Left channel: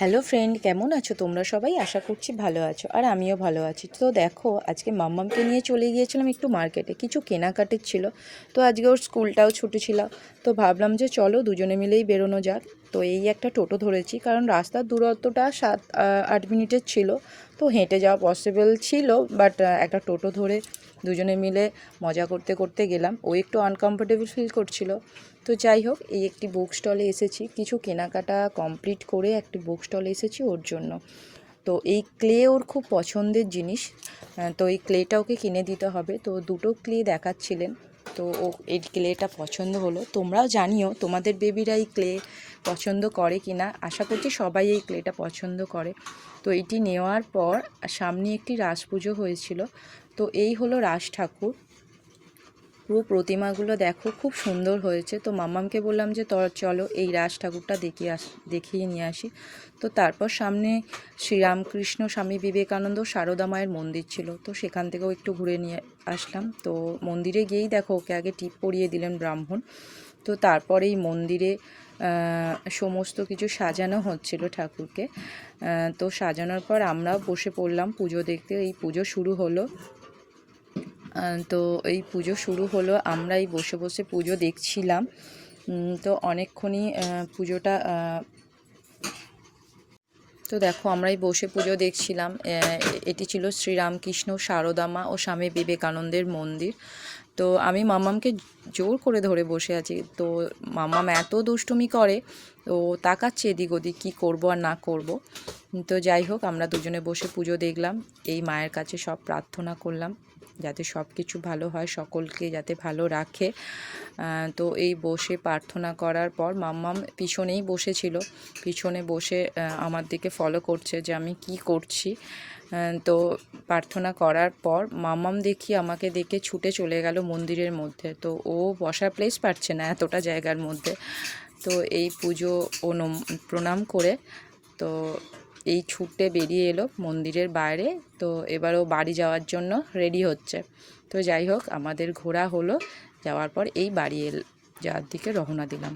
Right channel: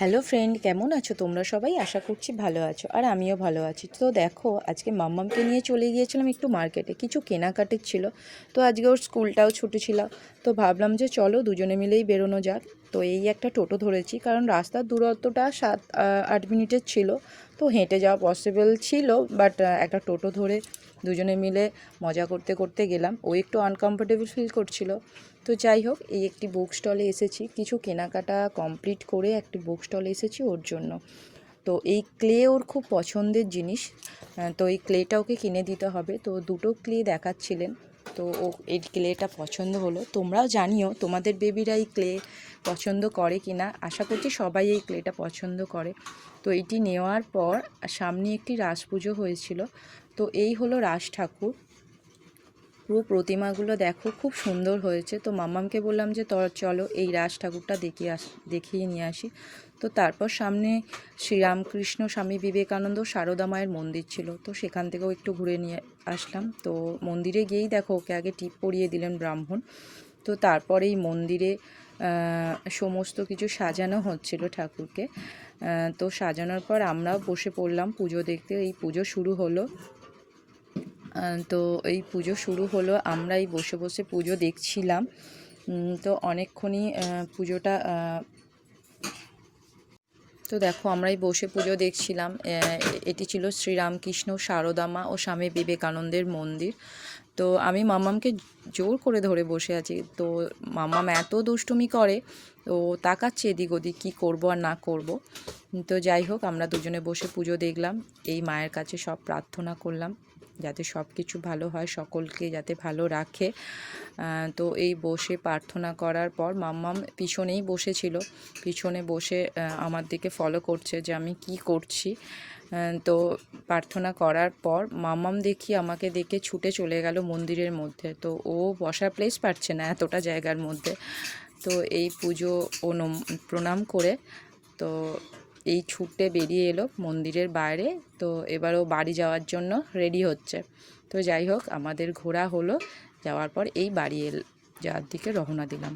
Hello friend, কেমন আছো তোমরা সবাই? আশা করছি ভালো আছো, আর আমিও ভালো আছি। তো দেখো, আজকে মাম্মামকে নিয়ে চলে গিয়েছিলাম একটু মার্কেটে, কিছু কেনাকাটির ছিল। তো আজকে ওর স্কুলটাও ছুটি ছিল, তো ভাবলাম যে চলো দুজনে মিলেই বেরোনো যাক। তো এই একটা টোটো ধরেছি, কারণ রাস্তার দূরত্বটা 7-8 মিনিটের ছিল, তো হেঁটে যাওয়া পসিবল ছিল। বাট একটা টোটো ধরে দুজনে মিলে মজা করতে করতে গেলাম। ও একটু আনকমফোর্টেবল ফিল করছিল। তো যাই হোক, এই একটি বুক স্টলে এসেছি, কিছু কেনাকাটা কমপ্লিট করে একটি বুক স্টলে এসেছি ওর জন্য। তো এই ক্লে ওর খুব পছন্দের জিনিস, তো এই ক্লেটা ওকে কিনে দিতে হবে। তো দুটো ক্লে দেখাচ্ছিলেন, তো ও এই ক্লেটা পছন্দ হলো। তোমরাও জানিও তোমাদের বেবিরা এই ক্লে পছন্দ করে কি না। আশা করছি সবাই এই ক্লেটা পছন্দ করে। তো এইটি নেওয়ার পর সামনে একটি রাস পুজো হয়েছিল। তো এই হলো রাস ঠাকুর। পুরো প্রতিমাগুলো দেখো, খুব সুন্দর হয়েছে। তো মাম্মামকে বললাম যে চলো এই রাজ ঠাকুরটা দেখিয়ে নিয়ে আসি। তো তারপর সামনে শ্রীরামকৃষ্ণ, স্বামী বিবেকানন্দ, সারদা মায়ের মন্দির ছিল, তো সেখান থেকেও একটু ঘুরে নিয়ে আসলাম। তো মন্দিরে গিয়েই দেখো ওকে আগে টিপ পরিয়ে দিলেন ব্রাহ্মণ। তো তারপরে এই মন্দিরে সমস্ত কিছু সাজানো হচ্ছিল ঠাকুরকে। তো সাজানোর পর আমরাও বসে পড়লাম পুজো দেখতে। এই পুজো শুরু হলো। তো এই পুজো শুরু হলো, আমরাই বসে বসে পুজো দেখছিলাম। তো অনেকক্ষণই পুজোটা, তো দেখো আমরাই বসে পুজো দেখছিলাম। এটি ছিল শ্রীরামকৃষ্ণ, সারদা মা ও স্বামী বিবেকানন্দের মন্দির। তো আমি মাম্মামকে জোর করে ধরে বসে আছি। তো মাম্মাম এত দুষ্টুমি করে, তো তাকাচ্ছে এদিক ওদিক, কী করবো আর না করব। তো যাই হোক, আমরা দুজনে বসে পুজো দেখলাম। এই মায়ের কাছে সব প্রার্থনা করলাম যাতে সব কিছু ভালো হয়, সকলকে যাতে ভালো রাখে। তো এই বসে প্রার্থনা করার পর মাম্মাম পিছনেই বসেছিল, পিছনে বসে আমার দিকে ফলো করছে যে আমি কি করছি। তো প্রার্থনা করার পর মাম্মাম দেখি আমাকে দেখে ছুটে চলে গেল মন্দিরের মধ্যে। তো ও বসার প্লেস পাচ্ছে না এতটা জায়গার মধ্যে। তো এই পুজো ও প্রণাম করে তো এই ছুটে বেরিয়ে এলো মন্দিরের বাইরে। তো এবার ও বাড়ি যাওয়ার জন্য রেডি হচ্ছে। তো যাই হোক, আমাদের ঘোরা হলো, যাওয়ার পর এই বাড়ি যাওয়ার দিকে রওনা দিলাম।